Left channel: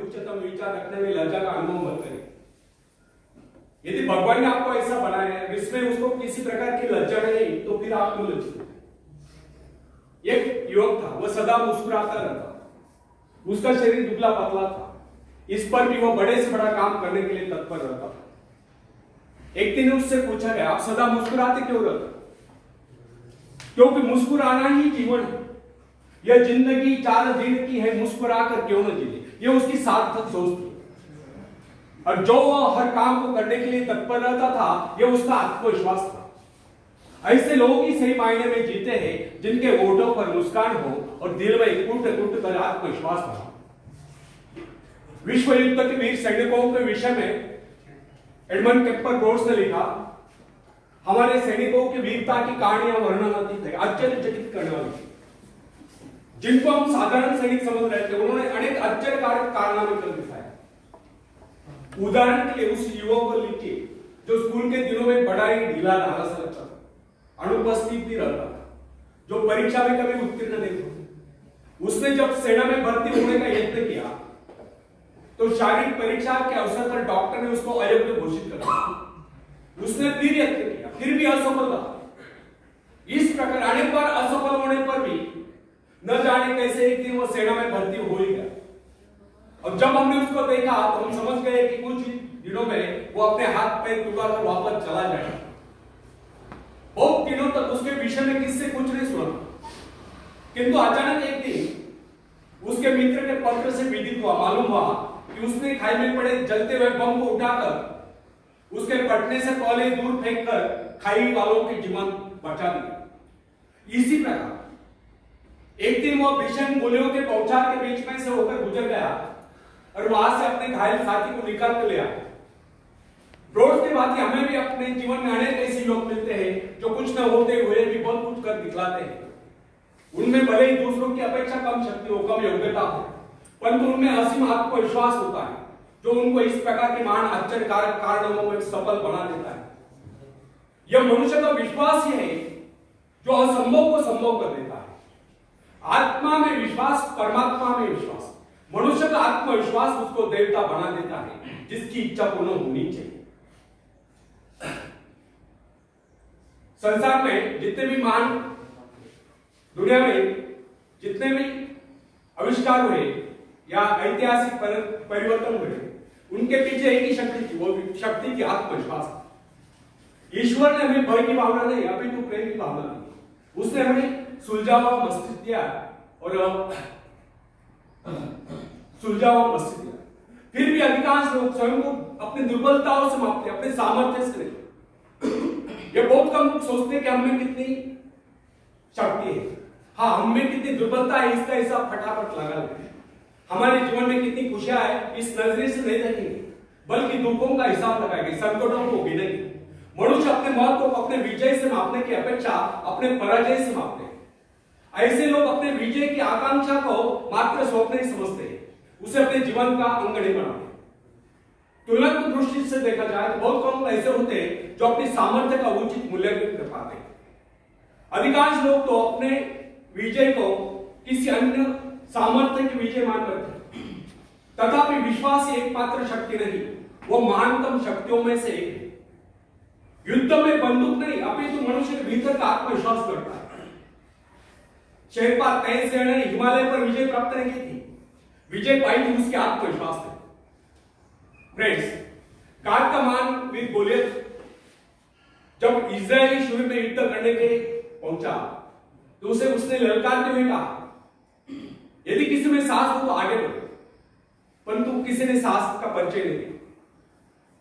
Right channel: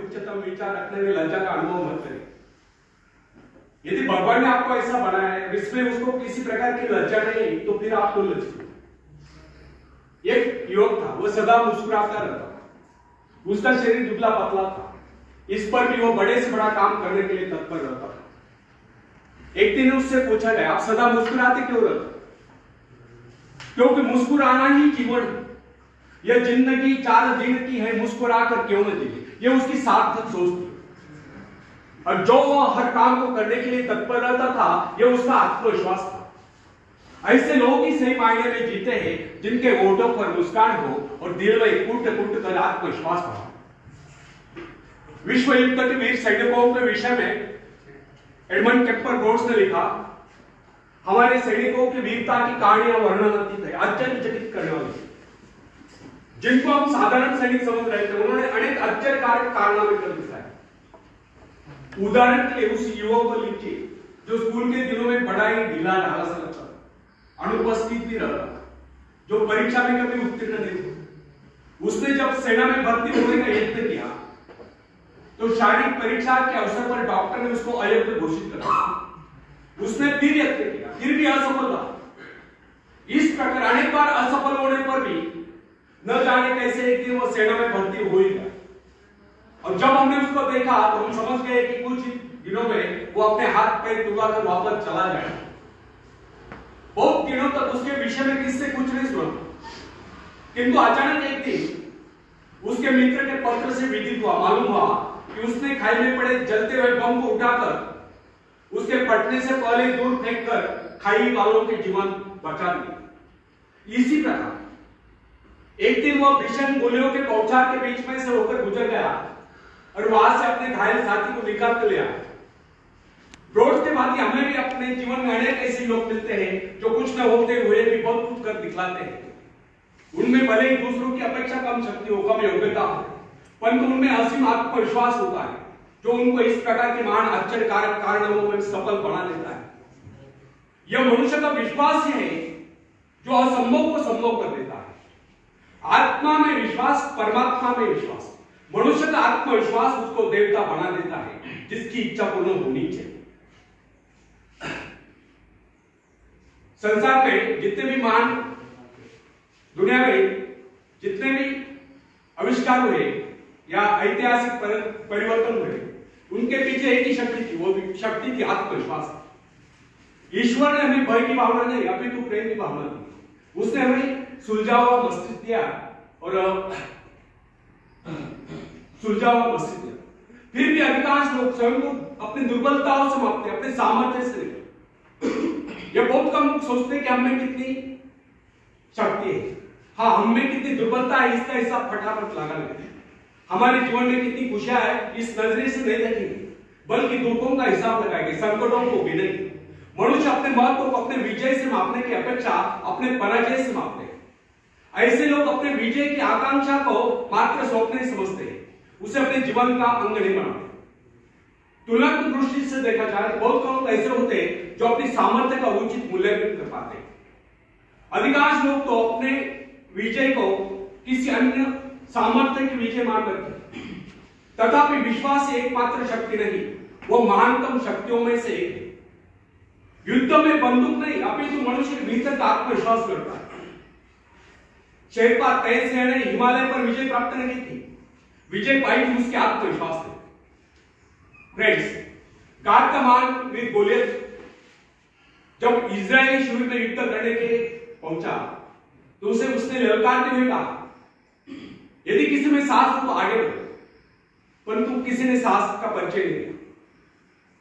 उच्चतम विचार रखने में लज्जा का अनुभव मत करें। यदि भगवान ने आपको ऐसा बनाया है, इसमें उसको किसी प्रकार की लज्जा नहीं, तो फिर आप तो लज्जित। एक युवक था, वह सदा मुस्कुराता रहता, उसका शरीर दुबला पतला था, इस पर भी वह बड़े से बड़ा काम करने के लिए तत्पर रहता था। एक दिन उससे पूछा गया, आप सदा मुस्कुराते क्यों रहते? क्योंकि मुस्कुराना ही जीवन है। यह जिंदगी 4 दिन की है, मुस्कुरा कर क्यों न जीवे, यह उसकी सार्थक सोच थी। और जो वह हर काम को करने के लिए तत्पर रहता था, यह उसका आत्मविश्वास था। ऐसे लोग ही सही मायने में जीते हैं, जिनके होठों पर मुस्कान हो और दिल में कूट कूट कर आत्मविश्वास हो। विश्व युद्ध के वीर सैनिकों के विषय में एडमंड केम्पर ब्रोड्स ने लिखा, हमारे सैनिकों की वीरता की कहानियां वर्णनातीत है, आश्चर्यचकित करने वाली, जिनको हम साधारण सैनिक समझ रहे थे, उन्होंने अनेक आश्चर्यकारक कारनामे कर दिखाए। उदाहरण के लिए उस युवक को लीजिए जो स्कूल के दिनों में बड़ा ही ढीला ढाला सा लगता था, अनुपस्थित भी रहता था, जो परीक्षा में कभी उत्तीर्ण नहीं हुआ। उसने जब सेना में भर्ती होने का यत्न किया तो शारीरिक परीक्षा के अवसर पर डॉक्टर ने उसको अयोग्य घोषित कर दिया। उसने फिर यत्न किया, फिर भी असफल रहा। इस प्रकार अनेक बार असफल होने पर भी न जाने कैसे एक दिन वो सेना में भर्ती हो ही गया। अब जब हमने उसको देखा तो हम समझ गए कि कुछ दिनों में वो अपने हाथ पैर टूटा कर वापस चला जाएगा। बहुत दिनों तक उसके विषय में किससे कुछ नहीं सुना, किंतु अचानक एक दिन उसके मित्र के पत्र से विदित हुआ, मालूम हुआ कि उसने खाई में पड़े जलते हुए बम को उठाकर उसके फटने से पहले दूर फेंककर खाई वालों के जीवन बचा दिया। इसी प्रकार एक दिन वह भीषण गोलियों के बौछार के बीच में से होकर गुजर गया और वहां से अपने घायल साथी को निकाल कर ले आया। ब्रोड्स के बाद हमें भी अपने जीवन में अनेक ऐसे लोग मिलते हैं जो कुछ न होते हुए भी बहुत कुछ कर दिखलाते हैं। उनमें भले ही दूसरों की अपेक्षा कम शक्ति हो, कम योग्यता हो, परंतु उनमें असीम आत्मविश्वास होता है जो उनको इस प्रकार के महान आश्चर्यकारक कारनामों में सफल बना देता है। यह मनुष्य का विश्वास ही है जो असंभव को संभव कर देता है। आत्मा में विश्वास, परमात्मा में विश्वास, मनुष्य का आत्मविश्वास उसको देवता बना देता है जिसकी इच्छा पूर्ण होनी चाहिए। संसार में जितने भी महान, दुनिया में जितने भी आविष्कार हुए या ऐतिहासिक परिवर्तन हुए, उनके पीछे एक ही शक्ति थी, वो शक्ति थी आत्मविश्वास। ईश्वर ने हमें भय की भावना नहीं, अपितु प्रेम की भावना दी। उसने हमें सुलझा हुआ मस्तिष्क दिया और सुलझा हुआ मस्तिष्क दिया। फिर भी अधिकांश लोग स्वयं को अपनी दुर्बलताओं से मापते, अपने सामर्थ्य से नहीं। ये बहुत कम लोग सोचते कि हमें कितनी शक्ति है, हाँ हमें कितनी दुर्बलता है, इसका हिसाब फटाफट लगा लेते हैं। हमारे जीवन में कितनी खुशियां है इस नजरिए से नहीं देखेंगे, बल्कि दुखों का हिसाब लगाएंगे, संकटों को भी नहीं। मनुष्य अपने महत्व को अपने विजय से मापने की अपेक्षा अपने पराजय से मापते हैं। ऐसे लोग अपने विजय की आकांक्षा को मात्र स्वप्न समझते हैं, उसे अपने जीवन का अंग नहीं बनाते। तुलनात्मक दृष्टि से देखा जाए तो बहुत कम ऐसे होते हैं जो अपनी सामर्थ्य का उचित मूल्यांकन कर पाते हैं। अधिकांश लोग तो अपने विजय को किसी अन्य सामर्थ्य की विजय मान रखते हैं। तथापि विश्वास एकमात्र शक्ति नहीं, वो महानतम शक्तियों में से एक है। युद्ध में बंदूक नहीं, अपितु मनुष्य के भीतर का आत्मविश्वास लड़ता है। शेरपा तेज ने हिमालय पर विजय प्राप्त नहीं की थी, विजय पाई थी उसके आत्मविश्वास से। फ्रेंड्स, गाद का मान वीर गोलियत जब इजरायली शिविर में युद्ध करने के पहुंचा तो उसने ललकारते हुए कहा, यदि किसी में साहस हो तो आगे बढ़ो, परंतु किसी ने साहस का परिचय नहीं दिया।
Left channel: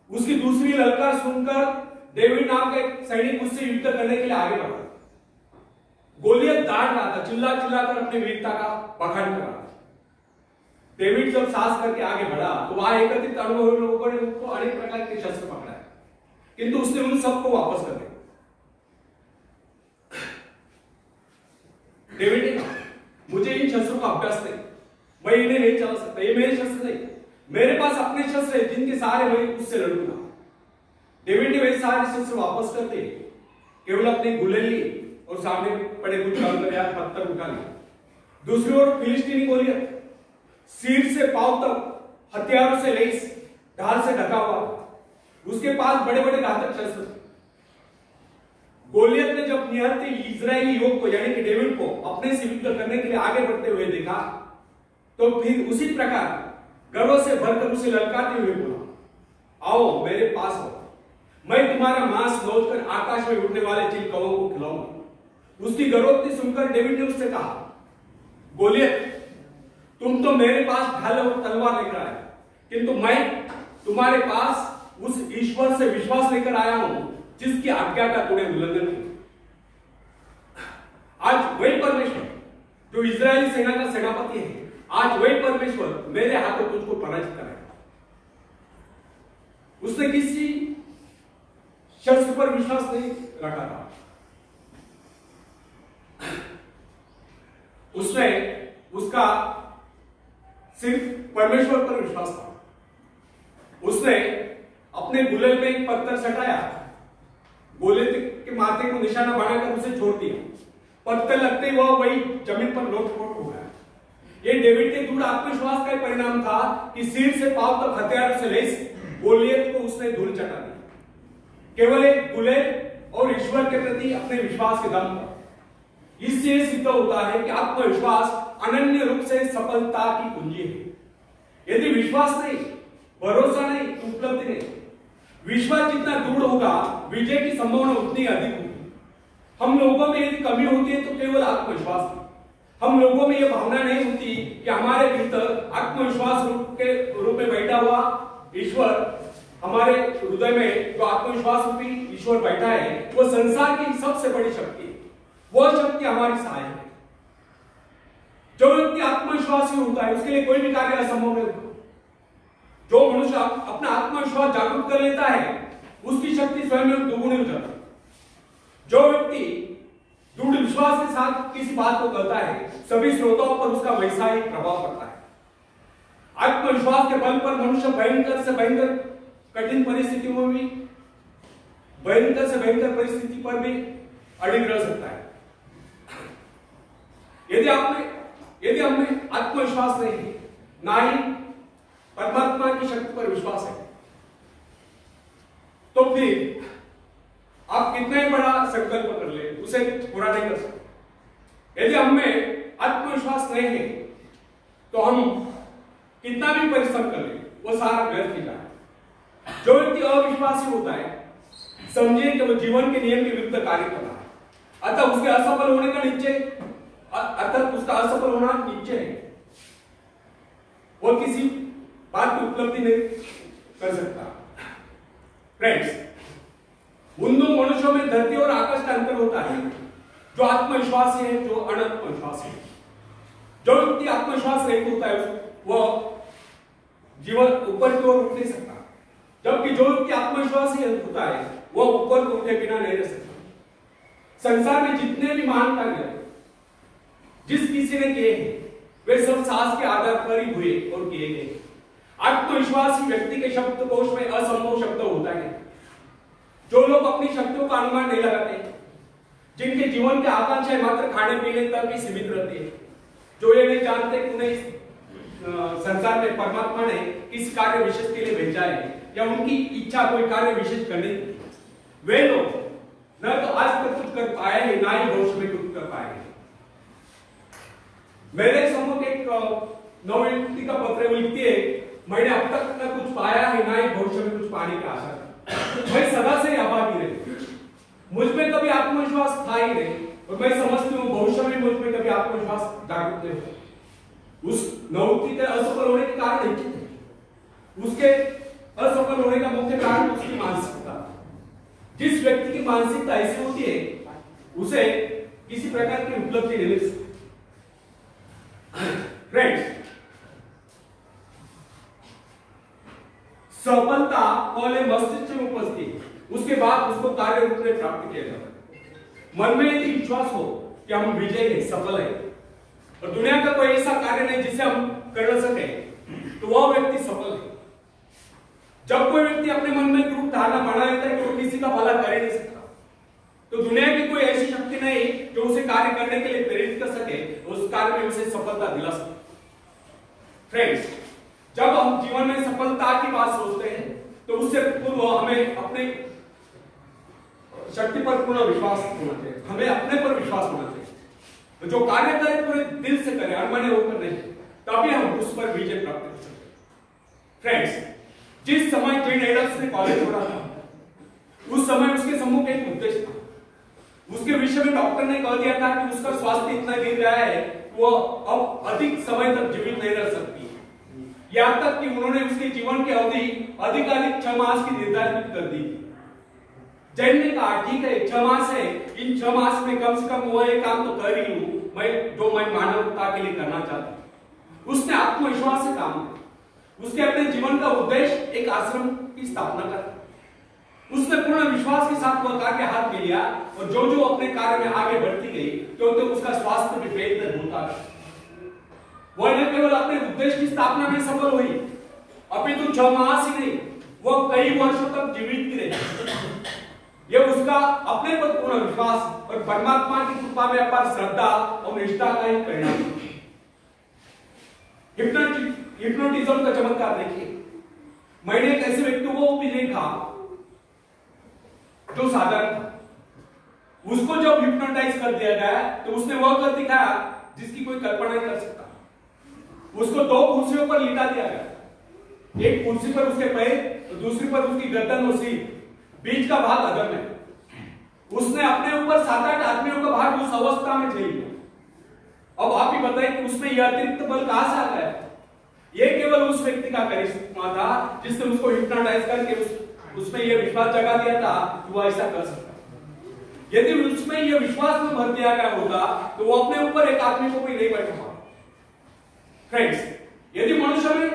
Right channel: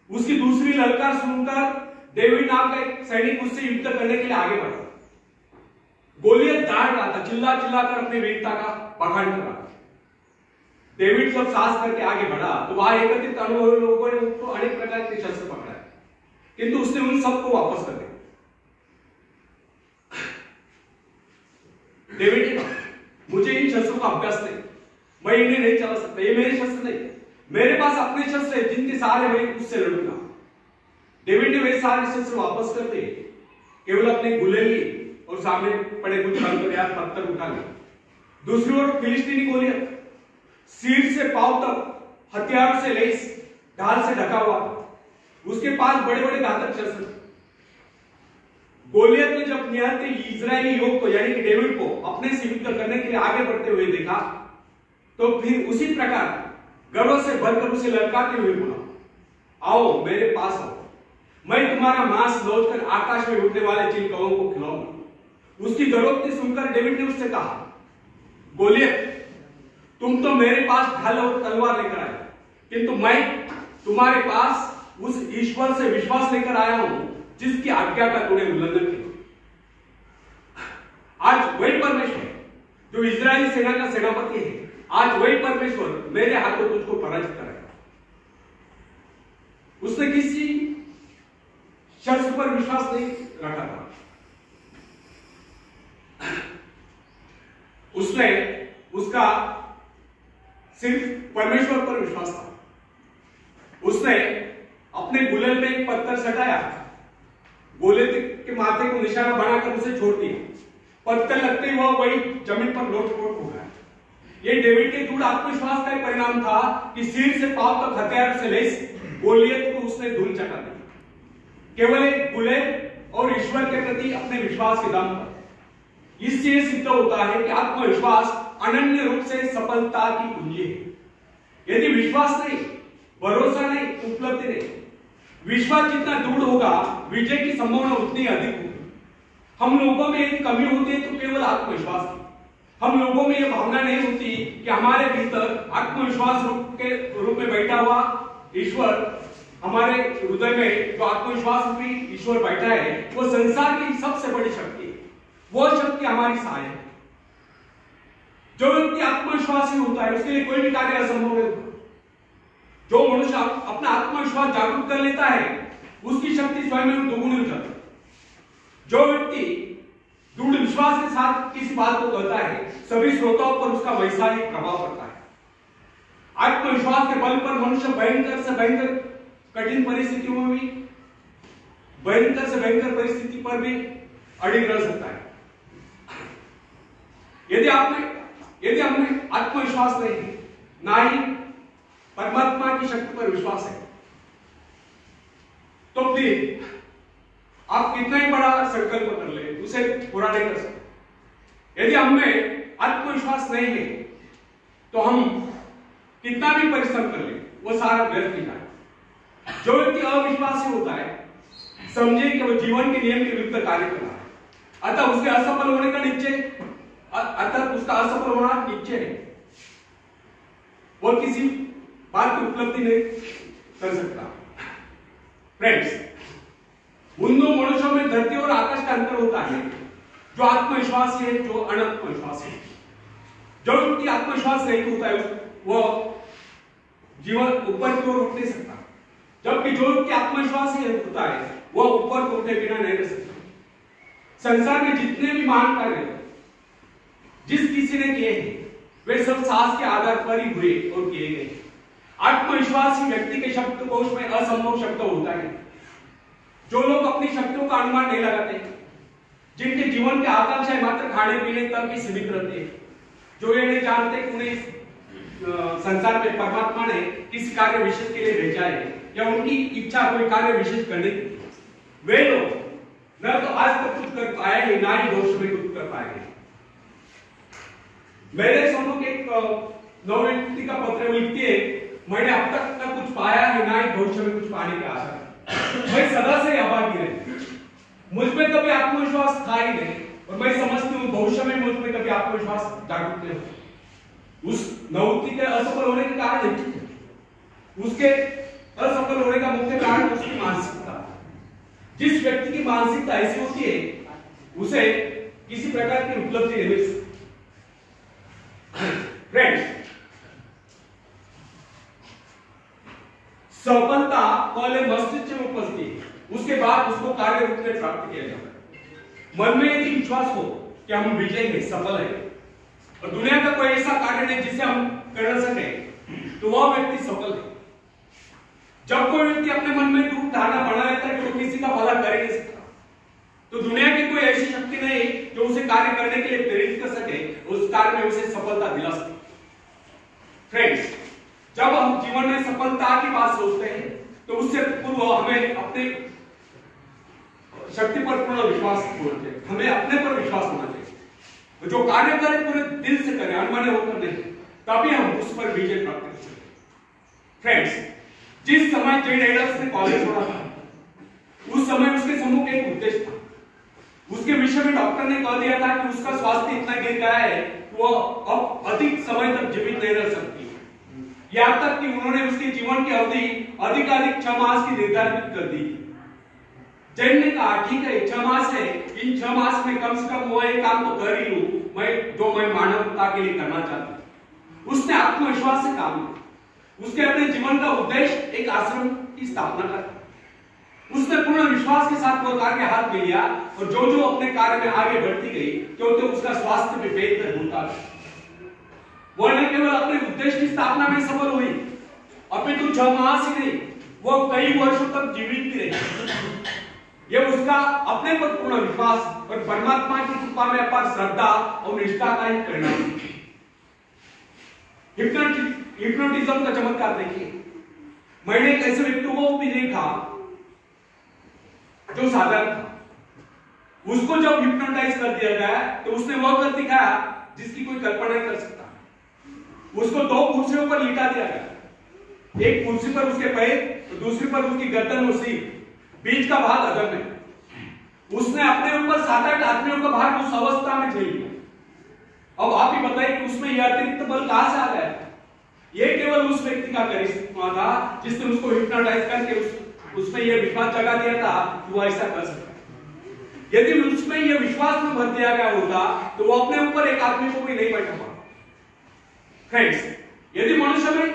उसकी दूसरी ललकार सुनकर डेविड नाम का एक सैनिक उससे युद्ध करने के लिए आगे बढ़ा। गोलियत दाड़ रहा था, चिल्ला चिल्लाकर अपनी वीरता का बखान कर रहा था। डेविड जब साहस करके आगे बढ़ा तो वहां एकत्रित अनुभवी लोगों ने उसको अनेक प्रकार के शस्त्र पकड़ा, किंतु उसने उन सबको वापस कर दिया। डेविड ने कहा, मुझे इन शस्त्रों का अभ्यास नहीं, मैं इन्हें नहीं चला सकता, ये मेरे शस्त्र नहीं, मेरे पास अपने शस्त्र है जिनके सहारे मैं उससे लड़ूंगा। डेविड ने वे सारे शस्त्र वापस कर दिए, केवल अपनी गुलेली और सामने पड़े कुछ पत्थर उठा लिया। दूसरी ओर फिलिस्तीनी गोलियत सिर से पांव तक हथियारों से लैस, ढाल से ढका हुआ, उसके पास बड़े बड़े घातक शस्त्र। गोलियत ने जब निहत्थे इजरायली युवक को यानी कि डेविड को अपने से युद्ध करने के लिए आगे बढ़ते हुए देखा, तो फिर उसी प्रकार गर्व से भरकर उसे ललकारते हुए बोला, आओ मेरे पास आओ, मैं तुम्हारा मांस लौटकर आकाश में उड़ने वाले चिलकौओं को खिलाऊंगा। उसकी गरोक्ति सुनकर डेविड ने उससे कहा, गोलियत, तुम तो मेरे पास ढाल और तलवार लेकर आए, किंतु मैं तुम्हारे पास उस ईश्वर से विश्वास लेकर आया हूं जिसकी आज्ञा का तूने उल्लंघन किया। आज वही परमेश्वर जो इजरायली सेना का सेनापति है, आज वही परमेश्वर मेरे हाथों तुझको पराजित कराएगा। उसने किसी शख्स पर विश्वास नहीं रखा था, उसने उसका सिर्फ परमेश्वर पर विश्वास था। उसने अपने गुलेल में एक पत्थर सटाया, गोलियत के माथे को निशाना बनाकर उसे छोड़ दिया। पत्थर लगते ही वह वही जमीन पर लोटपोट हो गया। यह डेविड के दृढ़ आत्मविश्वास का एक परिणाम था कि सिर से पांव तक हथियार से लैस गोलियत को उसने धूल चटा दी, केवल एक गुलेल और ईश्वर के प्रति अपने विश्वास के दम पर। इससे सिद्ध होता है कि आत्मविश्वास अनन्य रूप से सफलता की कुंजी है। यदि विश्वास नहीं, भरोसा नहीं, उपलब्धि नहीं, विश्वास जितना दृढ़ होगा, विजय की संभावना उतनी अधिक होगी। हम लोगों में यदि कमी होती है तो केवल आत्मविश्वास की। हम लोगों में यह भावना नहीं होती कि हमारे भीतर आत्मविश्वास के रूप में बैठा हुआ ईश्वर, हमारे हृदय में जो आत्मविश्वास रूपी ईश्वर बैठा है, वो संसार की सबसे बड़ी शक्ति है। वो शक्ति हमारी सहायक है। जो व्यक्ति आत्मविश्वासी होता है उसके लिए कोई भी कार्य असंभव नहीं होता। जो मनुष्य अपना आत्मविश्वास जागरूक कर लेता है उसकी शक्ति स्वयं में दोगुनी हो जाती है। जो व्यक्ति दृढ़ विश्वास के साथ किसी बात को करता है, सभी श्रोताओं पर उसका वैसा ही प्रभाव पड़ता है। आत्मविश्वास के बल पर मनुष्य भयंकर से भयंकर कठिन परिस्थितियों में भी, भयंकर से भयंकर परिस्थिति पर भी अडिग रह सकता है। यदि हमें आत्मविश्वास नहीं है, ना ही परमात्मा की शक्ति पर विश्वास है, तो फिर आप कितना ही बड़ा संकल्प कर ले, उसे पूरा नहीं कर सकते। यदि हमें आत्मविश्वास नहीं है तो हम कितना भी परिश्रम कर ले, वो सारा व्यर्थ ही जाए। जो व्यक्ति अविश्वासी होता है, समझे कि वो जीवन के नियम के विरुद्ध कार्य कर रहा है, अतः उसके असफल होने का निश्चय, अर्थात उसका असफल होना निश्चय है। वो किसी बात की उपलब्धि नहीं कर सकता। फ्रेंड्स, उन दो मनुष्यों में धरती और आकाश का अंतर होता है, जो आत्मविश्वासी है, जो अनात्मविश्वासी है। जो व्यक्ति आत्मविश्वास रहित होता है वह जीवन ऊपर की ओर उठ नहीं सकता, जबकि जो व्यक्ति आत्मविश्वासी होता है वह ऊपर को उठे बिना नहीं रह सकता। संसार में जितने भी महान कार्य जिस किसी ने किए हैं, वे सब साहस के आधार पर ही हुए और किए गए। आत्मविश्वासी व्यक्ति के शब्दकोश में असंभव शब्द होता है। जो लोग अपनी शक्तियों का अनुमान नहीं लगाते, जिनके जीवन की आकांक्षाएं मात्र खाने पीने तक ही सीमित रहती है, जो ये नहीं जानते कि उन्हें संसार में परमात्मा ने किस कार्य विशेष के लिए भेजा है या उनकी इच्छा कोई कार्य विशेष करने की, वे लोग न तो आज तक कुछ कर पाए हैं, ना ही भविष्य में कुछ कर पाएंगे। मेरे सम्मुख एक नवयुवती का पत्र लिखती है, मैंने अब तक न कुछ पाया है, ना ही भविष्य में कुछ पाने की आशा है। मैं सदा से अभागी रही, मुझ में कभी आत्मविश्वास था ही नहीं, और मैं समझती हूँ भविष्य में मुझ में कभी आत्मविश्वास जागृत नहीं होगा। उस नवयुवती के असफल होने के कारण निश्चित है, उसके असफल होने का मुख्य कारण उसकी मानसिकता। जिस व्यक्ति की मानसिकता ऐसी होती है, उसे किसी प्रकार की उपलब्धि नहीं मिल सकती। फ्रेंड्स, सफलता पहले मस्तिष्क में उपस्थित है, उसके बाद उसको कार्य रूप में प्राप्त किया जाता है। मन में यदि विश्वास हो कि हम विजय है, सफल है, और दुनिया का कोई ऐसा कार्य नहीं जिसे हम कर सके, तो वह व्यक्ति सफल है। जब कोई व्यक्ति अपने मन में दृढ़ धारणा बना लेता है कि वो किसी का भला कर ही नहीं सकता, तो दुनिया की कोई ऐसी शक्ति नहीं जो उसे कार्य करने के लिए प्रेरित कर सके, उस कार्य में उसे सफलता दिला सके। फ्रेंड्स, जब हम जीवन में सफलता की बात सोचते हैं तो उससे पूर्व हमें अपने शक्ति पर पूर्ण विश्वास होना चाहिए, हमें अपने पर विश्वास होना चाहिए। जो कार्य करें पूरे दिल से करें, अनमने होकर नहीं, तभी हम उस पर विजय प्राप्त कर सकते हैं। फ्रेंड्स, जिस समय जेन एडल्स ने कॉलेज छोड़ा था, उस समय उसके सम्मुख एक उद्देश्य था। उसके विषय में डॉक्टर ने कह दिया था कि उसका स्वास्थ्य इतना गिर गया है वो अब अधिक समय तक जीवित नहीं रह सकती। यहां तक कि उन्होंने उसके जीवन की अवधि अधिकाधिक 6 मास की निर्धारित कर दी। जैन ने कहा ठीक है 6 मास है, इन 6 मास में कम से कम वो एक काम तो कर ही लूं मैं मानवता के लिए करना चाहता हूं। उसने आत्मविश्वास से काम किया। उसके अपने जीवन का उद्देश्य एक आश्रम की स्थापना करना। उसने पूर्ण विश्वास के साथ वो कार्य हाथ में लिया और जो जो अपने कार्य में आगे बढ़ती गई क्योंकि उसका स्वास्थ्य भी बेहतर होता गया। वो न केवल अपने उद्देश्य की स्थापना में सफल हुई, अभी तो 6 मास ही नहीं, वो कई वर्षों तक जीवित भी रही। ये उसका अपने पर पूर्ण विश्वास और परमात्मा की कृपा में अपार श्रद्धा और निष्ठा का एक परिणाम। हिप्नोटिज्म का चमत्कार देखिए। मैंने एक ऐसे व्यक्ति को भी देखा जो साधारण था। उसको जब हिप्नोटाइज कर दिया गया तो उसने वह कर दिखाया जिसकी कोई कल्पना नहीं कर सकता। उसको 2 कुर्सियों पर लिटा दिया गया, एक कुर्सी पर उसके पैर और दूसरी पर उसकी गर्दन और सिर, बीच का भाग अधर में। उसने अपने ऊपर 7-8 आदमियों का भार उस अवस्था में झेल लिया। अब आप ही बताइए कि उसमें यह अतिरिक्त बल कहां से आ गया? यह केवल उस व्यक्ति का करिश्मा था जिसने उसको हिप्नोटाइज करके उसमें यह विश्वास जगा दिया था कि वो ऐसा कर सकता है। यदि उसमें यह विश्वास में भर दिया गया होता तो वो अपने ऊपर एक आदमी को भी नहीं बैठा पाता। फ्रेंड्स, यदि मनुष्य में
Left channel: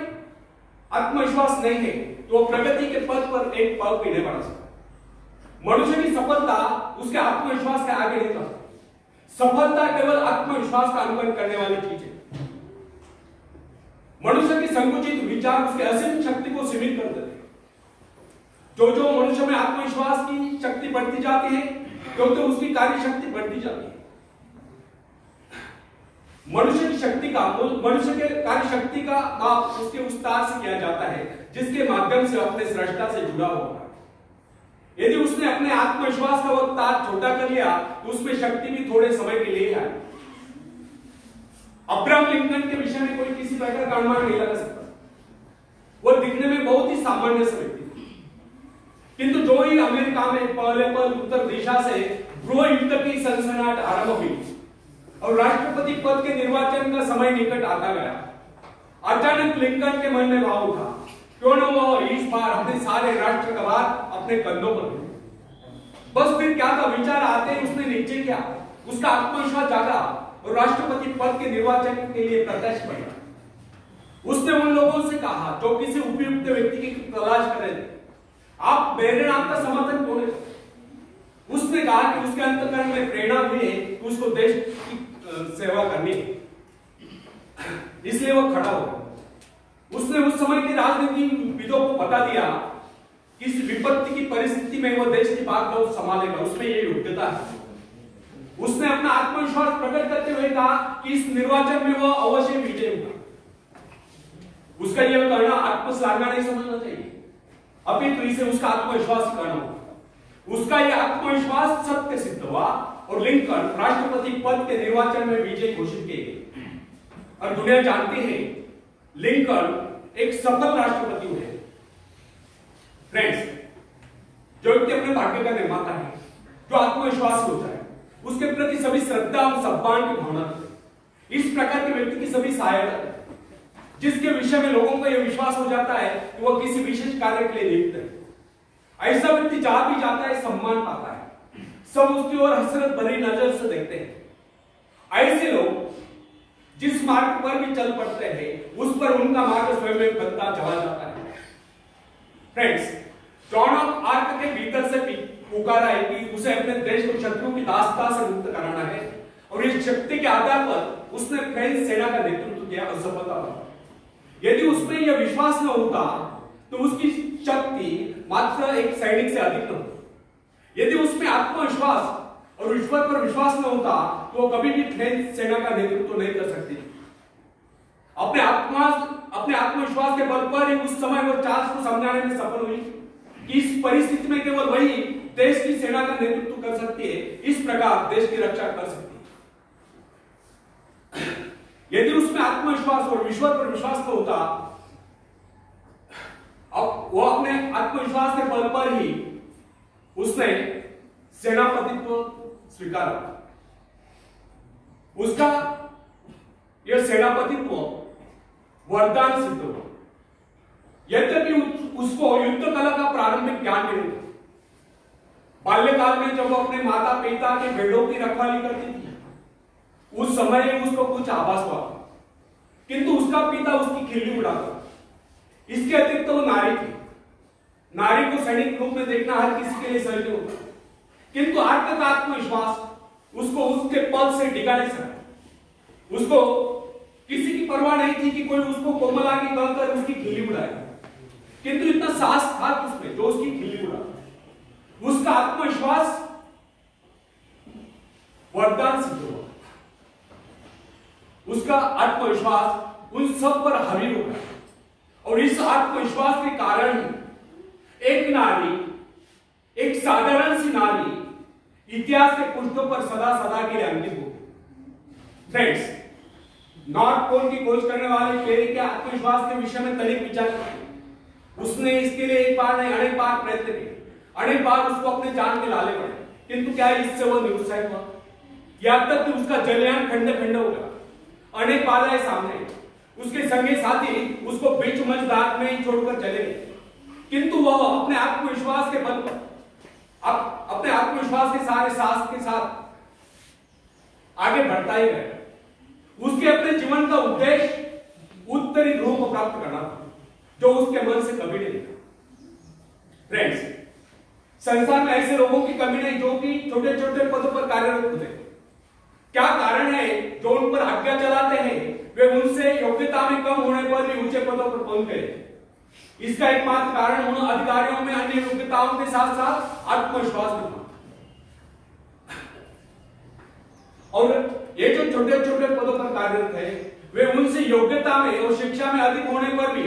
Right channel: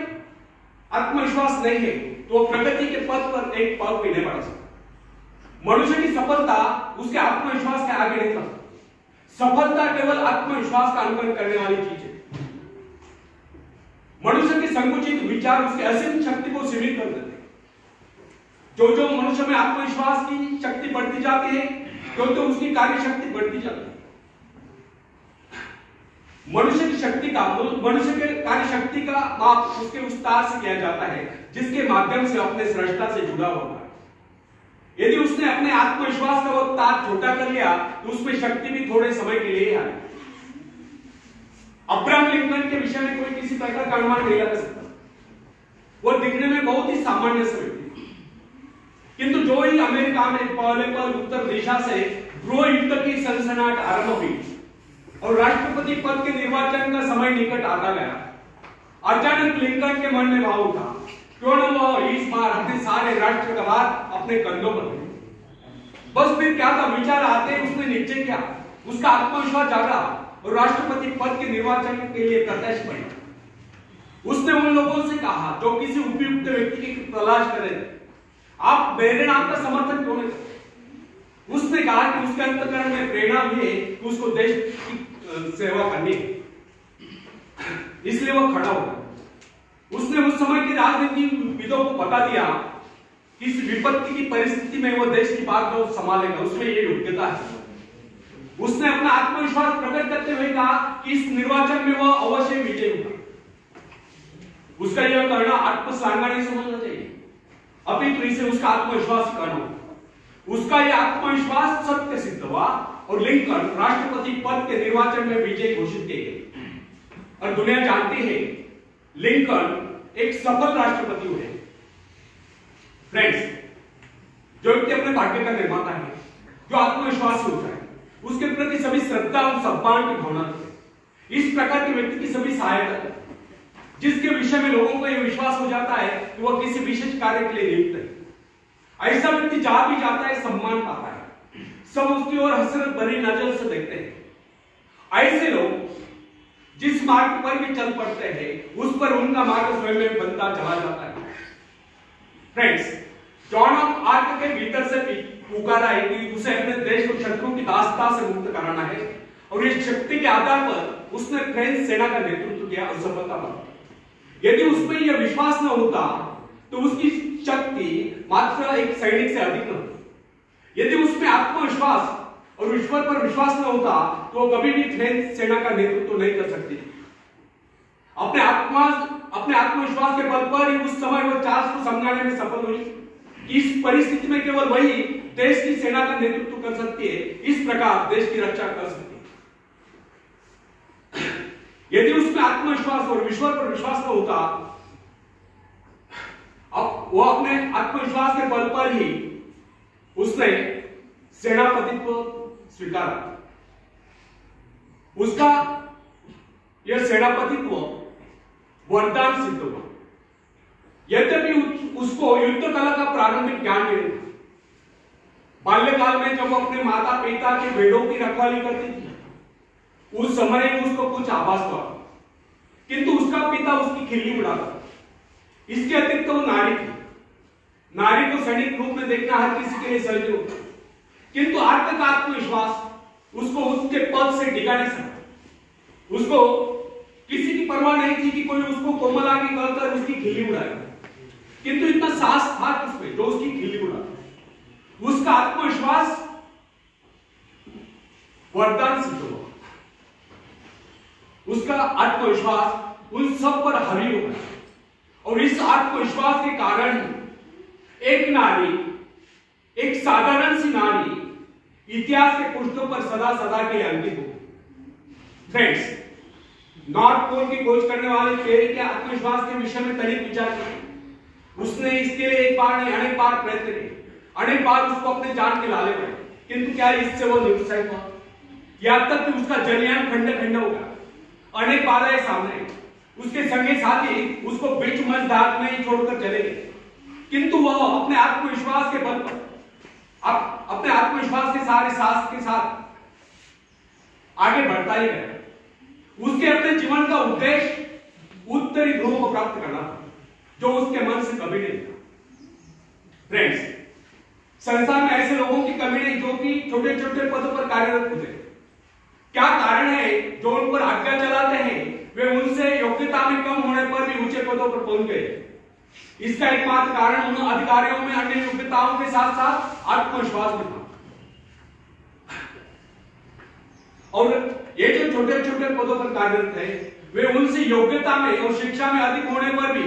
आत्मविश्वास नहीं है तो वो प्रगति के पथ पर एक पाँव भी नहीं बढ़ा सकता। मनुष्य की सफलता उसके आत्मविश्वास के आगे नहीं चलती। सफलता केवल आत्मविश्वास का अनुकरण करने वाली चीज है। मनुष्य के संकुचित विचार उसके असीम शक्ति को सीमित कर देते हैं। जो मनुष्य में आत्मविश्वास की शक्ति बढ़ती जाती है तो उसकी कार्य शक्ति बढ़ती जाती है। मनुष्य के कार्य शक्ति का माप उसके विस्तार से किया जाता है जिसके माध्यम से अपने सृष्टा से जुड़ा होता है। यदि उसने अपने आत्मविश्वास का वो तार छोटा कर लिया तो उसमें शक्ति भी थोड़े समय के लिए आई। अब्राहम लिंकन के विषय में कोई किसी प्रकार का अनुमान नहीं लगा सकता। वो दिखने में बहुत ही सामान्य से व्यक्ति, किंतु जो ही अमेरिका में पहले पल उत्तर दिशा से गृह युद्ध की सनसनाहट आरंभ हुई और राष्ट्रपति पद के निर्वाचन का समय निकट आता गया, अचानक लिंकन के मन में भाव उठा, क्यों न वो इस बार अपने सारे राष्ट्र का भार अपने कंधों पर ले। बस फिर क्या था, विचार आते ही उसने निश्चय किया, उसका आत्मविश्वास जागा और राष्ट्रपति पद के निर्वाचन के लिए प्रत्यक्ष बना। उसने उन लोगों से कहा जो किसी उपयुक्त व्यक्ति की तलाश कर रहे थे, आप मेरे नाम का समर्थन क्यों नहीं करते? उसने कहा कि उसके अंतःकरण में प्रेरणा भी है कि उसको देश की सेवा करनी है, इसलिए वह खड़ा हो। उसने उस समय की राजनीतिविदों को बता दिया कि इस विपत्ति की परिस्थिति में वो देश की बागडोर संभालेगा, उसमें ये योग्यता है। उसने अपना आत्मविश्वास प्रकट करते हुए कहा कि इस निर्वाचन में वह अवश्य विजयी होगा। उसका यह कहना आत्मश्लाघना नहीं समझना चाहिए, अभी तो इसे उसका आत्मविश्वास कहना होगा। उसका यह आत्मविश्वास सत्य सिद्ध हुआ और लिंकन राष्ट्रपति पद के निर्वाचन में विजय घोषित किए गए और दुनिया जानती है लिंकन एक सफल राष्ट्रपति हुए। फ्रेंड्स, जो व्यक्ति अपने भाग्य का निर्माता है, जो आत्मविश्वास होता है, उसके प्रति सभी श्रद्धा और सम्मान की भावना है। इस प्रकार के व्यक्ति की सभी सहायता है, जिसके विषय में लोगों को यह विश्वास हो जाता है कि वह किसी विशेष कार्य के लिए नियुक्त है। ऐसा व्यक्ति जहां भी जाता है सम्मान पाता है, सब उसकी ओर हसरत भरी नजर से देखते हैं। ऐसे लोग जिस मार्ग पर भी चल पड़ते हैं उस पर उनका मार्ग स्वयं में बनता चला जाता है। फ्रेंड्स, जॉन ऑफ आर्क के भीतर से पुकारा है कि उसे अपने देश को शत्रुओं की दास्ता से मुक्त कराना है और इस शक्ति के आधार पर उसने फ्रेंच सेना का नेतृत्व किया और सफलता पाई। यदि उसमें यह विश्वास न होता तो उसकी शक्ति मात्र एक सैनिक से अधिक न होती। यदि उसमें आत्मविश्वास और ईश्वर पर विश्वास न होता तो कभी भी फ्रेंच सेना का नेतृत्व नहीं कर सकती। अपने अपने आत्मविश्वास के बल पर ही उस समय वो चार्ल्स को समझाने में सफल हुई कि इस परिस्थिति में केवल वही देश की सेना का नेतृत्व कर सकती है, इस प्रकार देश की रक्षा कर सकती है। यदि उसमें आत्मविश्वास और ईश्वर पर विश्वास न होता, अब वो अपने आत्मविश्वास के बल पर ही उसने सेनापतित्व स्वीकारा। उसका यह सेनापतित्व वरदान सिद्ध हुआ। यद्यपि उसको युद्ध कला का प्रारंभिक ज्ञान नहीं था। बाल्यकाल में जब वो अपने माता पिता के भेड़ों की रखवाली करती थी, उस समय उसको कुछ आभास हुआ, किंतु उसका पिता उसकी खिल्ली उड़ाता। इसके अतिरिक्त वो नारी थी। नारी को सैनिक रूप में देखना हर किसी के लिए सहज होता, किंतु आर्थिक आत्मविश्वास उसको उसके पद से डिगा नहीं सकता। उसको किसी की परवाह नहीं थी कि कोई उसको कोमलांगी कहकर उसकी खिल्ली उड़ाएगा, किंतु इतना साहस था उसमें जो उसकी खिल्ली उड़ाता। उसका आत्मविश्वास वरदान सिद्ध हुआ। उसका आत्मविश्वास उन सब पर हावी हो गया, और इस आत्मविश्वास के कारण ही एक नारी, एक साधारण सी नारी इतिहास के पुष्टों पर सदा सदा के लिए अंकित हो। फ्रेंड्स, नॉर्थ पोल की खोज करने वाले पेरे के आत्मविश्वास के विषय में तनिक विचार किया। उसने इसके लिए एक बार नहीं अनेक बार प्रयत्न किए, अनेक बार उसको अपने जान के लाले पड़े, किंतु क्या इससे वो निरुत्साहित हुआ? यहां तक कि उसका जलयान खंड खंड हो गया। अनेक बाधाएं सामने, उसके संगी साथी उसको बीच मझधार में ही छोड़कर चले गए, किंतु वह अपने आत्मविश्वास के बल पर, अपने आत्मविश्वास के सारे साहस के साथ आगे बढ़ता ही गया। उसके अपने जीवन का उद्देश्य उत्तरी ध्रुव को प्राप्त करना था, जो उसके मन से कभी नहीं था। फ्रेंड्स, संसार में ऐसे लोगों की कमी नहीं जो कि छोटे छोटे पदों पर कार्यरत होते। क्या कारण है जो उन पर आज्ञा चलाते हैं? वे उनसे योग्यता में कम होने पर भी ऊंचे पदों पर पहुंच गए। इसका एकमात्र कारण उन अधिकारियों में अन्य योग्यताओं के साथ साथ आत्मविश्वास भी था। और ये जो छोटे छोटे पदों पर कार्यरत है, वे उनसे योग्यता में और शिक्षा में अधिक होने पर भी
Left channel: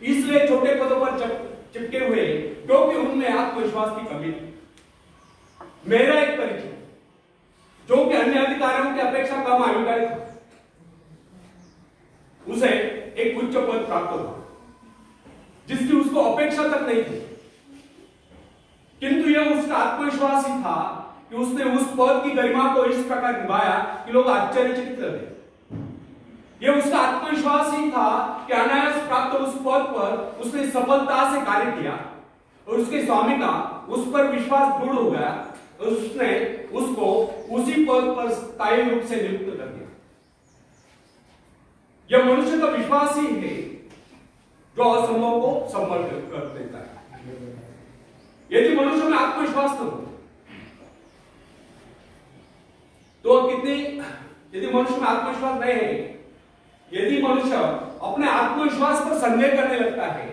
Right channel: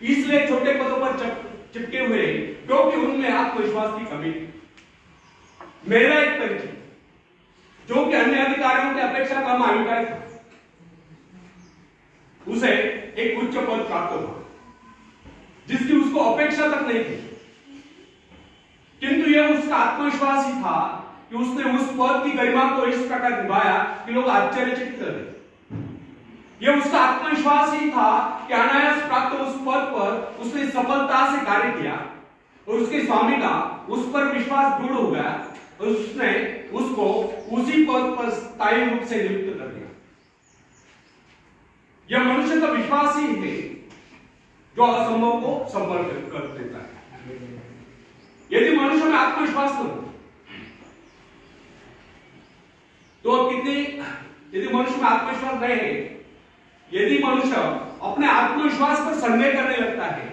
इसलिए छोटे पदों पर चिपके हुए क्योंकि उनमें आत्मविश्वास की कमी थी। मेरा एक परिचय जो कि अन्य अधिकारियों की अपेक्षा कम आयु का था, उसे एक उच्च पद प्राप्त हुआ जिसकी उसको अपेक्षा तक नहीं थी, किंतु यह उसका आत्मविश्वास ही था कि उसने उस पद की गरिमा को इस प्रकार निभाया कि लोग आश्चर्यचकित कर गए। यह उसका आत्मविश्वास ही था कि अनायास प्राप्त उस पद पर उसने सफलता से कार्य किया और उसके स्वामी का उस पर विश्वास दृढ़ हो गया और उसने उसको उसी पद पर स्थायी रूप से नियुक्त कर दिया। यह मनुष्य का विश्वास ही है जो असंभव को संभव कर देता है। यदि मनुष्य में आत्मविश्वास न हो तो यदि मनुष्य में आत्मविश्वास नहीं है, यदि मनुष्य अपने आत्मविश्वास पर संदेह करने लगता है,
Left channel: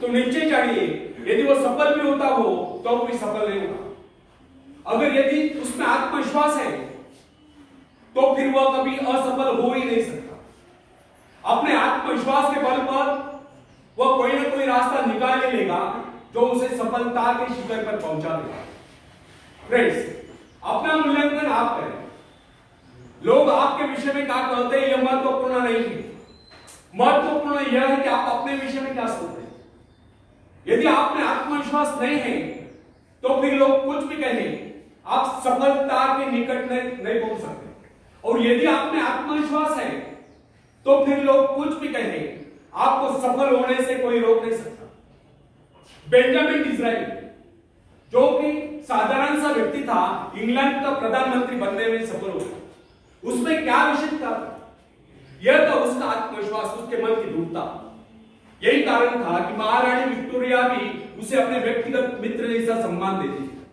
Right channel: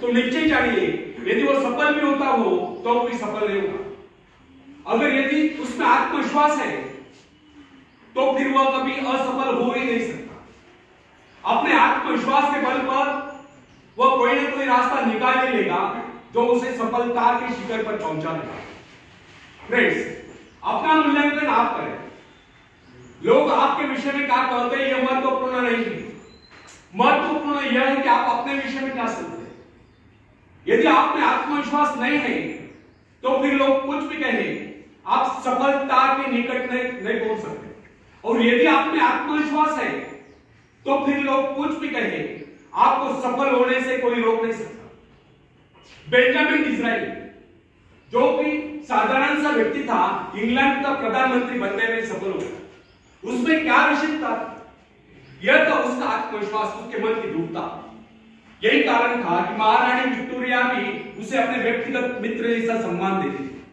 तो निश्चय जानिए यदि वो सफल भी होता हो तो वो भी सफल नहीं होगा। अगर यदि उसमें आत्मविश्वास है तो फिर वह कभी असफल हो ही नहीं सकता। अपने आत्मविश्वास के बल पर वह कोई ना कोई रास्ता निकाल ही लेगा जो उसे सफलता के शिखर पर पहुंचा देगा। फ्रेंड्स, अपना मूल्यांकन आप करें। लोग आपके विषय में क्या कहते हैं यह महत्वपूर्ण नहीं है। महत्वपूर्ण यह है कि आप अपने विषय में क्या सोचते हैं। यदि आप में आत्मविश्वास नहीं है तो फिर लोग कुछ भी कहें, आप सफलता के निकट नहीं पहुंच सकते। और यदि आप में आत्मविश्वास है तो फिर लोग कुछ भी कहें, आपको सफल होने से कोई रोक नहीं सकता। बेंजामिन डिज़राइली जो कि साधारण सा व्यक्ति था, इंग्लैंड का प्रधानमंत्री बनने में सफल हो गया। उसमें क्या विशेषता थी? यह तो उसका आत्मविश्वास, उसके मन की दृढ़ता। यही कारण था कि महारानी विक्टोरिया भी उसे अपने व्यक्तिगत मित्र जैसा सम्मान देती थी।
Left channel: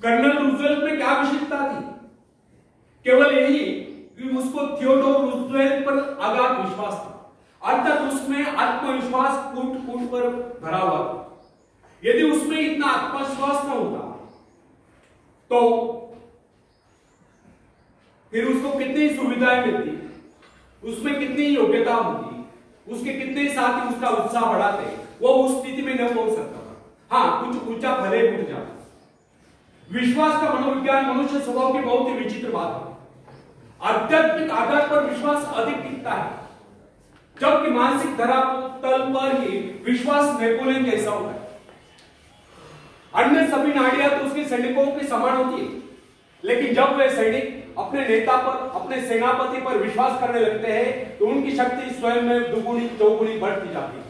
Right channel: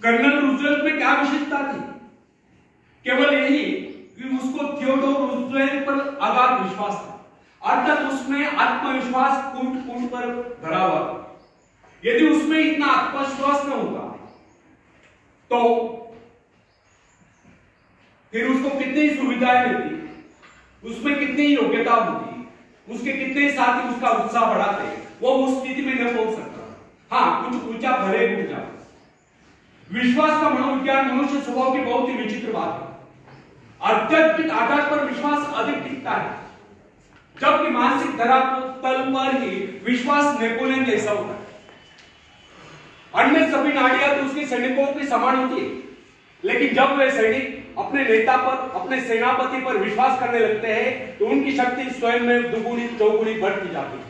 कर्नल रूजवेल्ट में क्या विशेषता थी? केवल यही कि उसको थियोडोर रूजवेल्ट पर अगाध विश्वास था, अर्थात उसमें आत्मविश्वास कूट कूट पर भरा हुआ था। यदि उसमें इतना आत्मविश्वास न होगा तो फिर उसको कितनी सुविधाएं मिलती, उसमें कितनी योग्यता होती है, उसके कितने साथी उसका उत्साह बढ़ाते हैं, वो उस स्थिति में न पहुंच सकता। हाँ, कुछ ऊंचा भले उठ जाता। विश्वास का मनोविज्ञान मनुष्य स्वभाव की बहुत ही विचित्र बात है। आध्यात्मिक आधार पर विश्वास अधिक टिकता है, जबकि मानसिक धरातल पर ही विश्वास नेपोलियन जैसा होता है। अन्य सभी नाड़ियां तो उसके सैनिकों के समान होती है, लेकिन जब वे सैनिक अपने नेता पर, अपने सेनापति पर विश्वास करने लगते हैं तो उनकी शक्ति स्वयं में दुगुनी चौगुनी बढ़ती जाती है।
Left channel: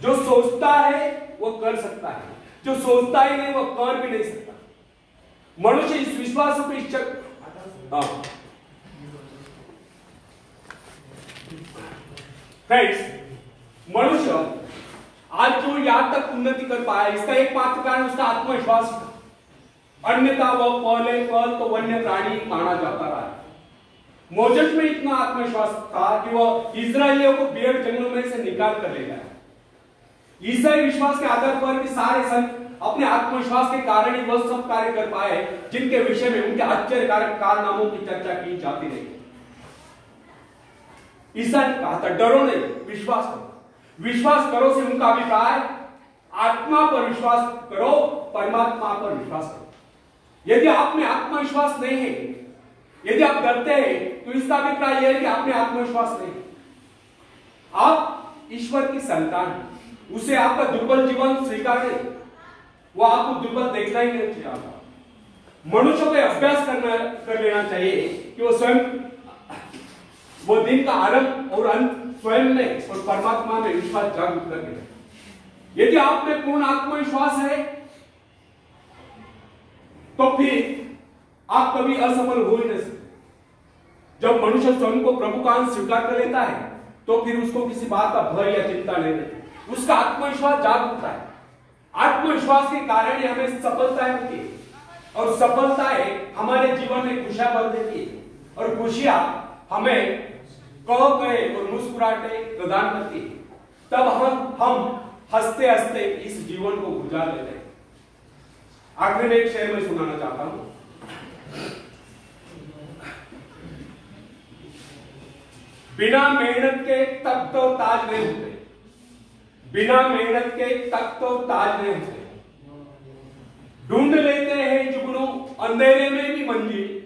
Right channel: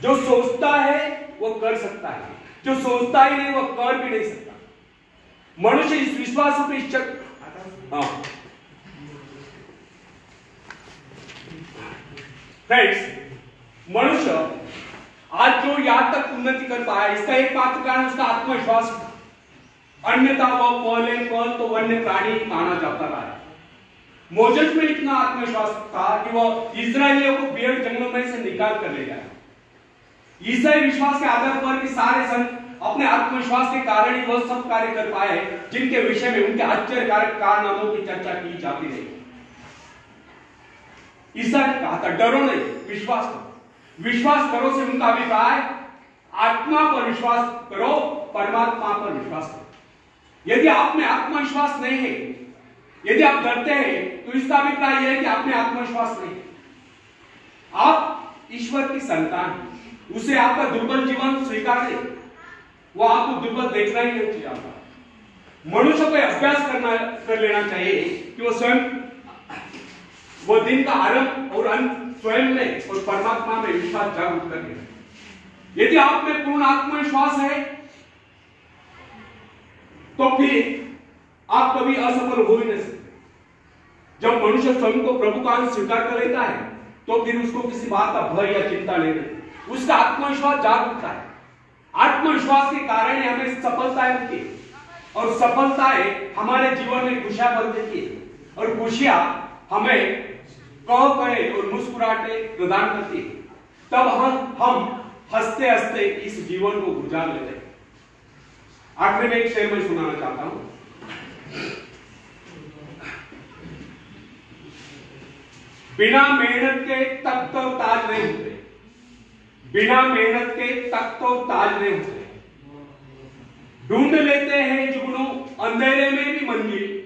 जो सोचता है वो कर सकता है, जो सोचता ही नहीं वो कर भी नहीं सकता। मनुष्य इस विश्वास पर फ्रेंड्स, मनुष्य आज जो यहां तक उन्नति कर पाया, इसका एकमात्र कारण उसका आत्मविश्वास था। अन्यथा वह पहले तो वन्य प्राणी माना जाता रहा है। मोजेस में इतना आत्मविश्वास था कि वह इस्राएलियों को बियर जंगलों में से निकाल कर ले जाए। ईसाई विश्वास के आधार पर कि सारे संत अपने आत्मविश्वास के कारण ही वह सब कार्य कर पाए जिनके विषय में उनके आश्चर्यकारक कारनामों की चर्चा की जाती रही। ईसा ने कहा था, डरो नहीं, विश्वास करो। विश्वास करो से उनका अभिप्राय आत्मा पर विश्वास करो, परमात्मा पर विश्वास करो। यदि आप में आत्मविश्वास नहीं है, यदि आप डरते हैं, तो इसका अभिप्राय यह है कि आप में आत्मविश्वास नहीं है। आप ईश्वर की संतान हैं, उसे आपका दुर्बल जीवन स्वीकार नहीं, वो आपको दुर्बल देखना ही नहीं चाहता। मनुष्य को अभ्यास कर लेना चाहिए कि वो स्वयं, वो दिन का आरंभ और अंत स्वयं में और परमात्मा में विश्वास जागरूक करके। यदि आप में पूर्ण आत्मविश्वास है तो फिर आप कभी असफल हो ही नहीं सकते। जब मनुष्य स्वयं को प्रभु का अंश स्वीकार कर लेता है तो फिर उसको किसी बात का भय या चिंता नहीं रहती। उसका आत्मविश्वास जाग उठता है। आत्मविश्वास के कारण ही हमें सफलताएं मिलती है, और सफलताएं हमारे जीवन में खुशियां भर देती है, और खुशियां हमें कह कहे और मुस्कुराहटे प्रदान करती है। तब हम हंसते हंसते इस जीवन को गुजार लेते हैं। आखिर में एक शेर मैं सुनाना चाहता हूं। बिना मेहनत के तक तो ताज नहीं होते, बिना मेहनत के तक तो ताज नहीं होते। ढूंढ लेते हैं जुगनू अंधेरे में भी मंजिल,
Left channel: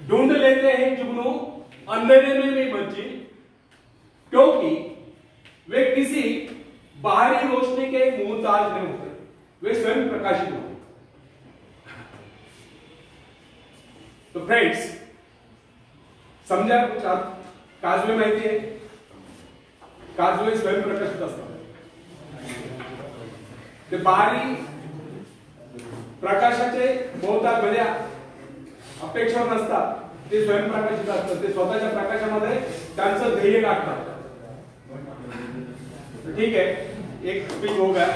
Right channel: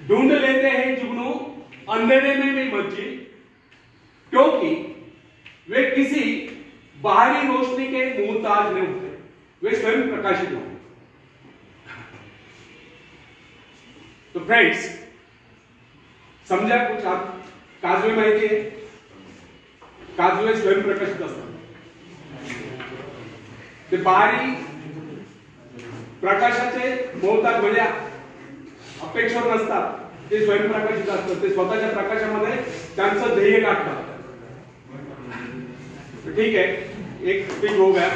ढूंढ लेते हैं जुगनू अंधेरे में भी मंजिल, क्योंकि वे किसी बाहरी रोशनी के मुहताज नहीं होते, वे स्वयं प्रकाशित होते। तो फ्रेंड्स, समजा कुछ आप काजवे माहिती आहे? काजवे स्वयं प्रकाशित असतात, ते बाहरी प्रकाशाचे मोहताज म्हणजे अपेक्षावर नसतात, ते स्वयं प्रकाशित असतात, ते स्वतःच्या प्रकाशामध्ये त्यांचं ध्येय गाठतात। ठीक है, एक स्पीच हो गया।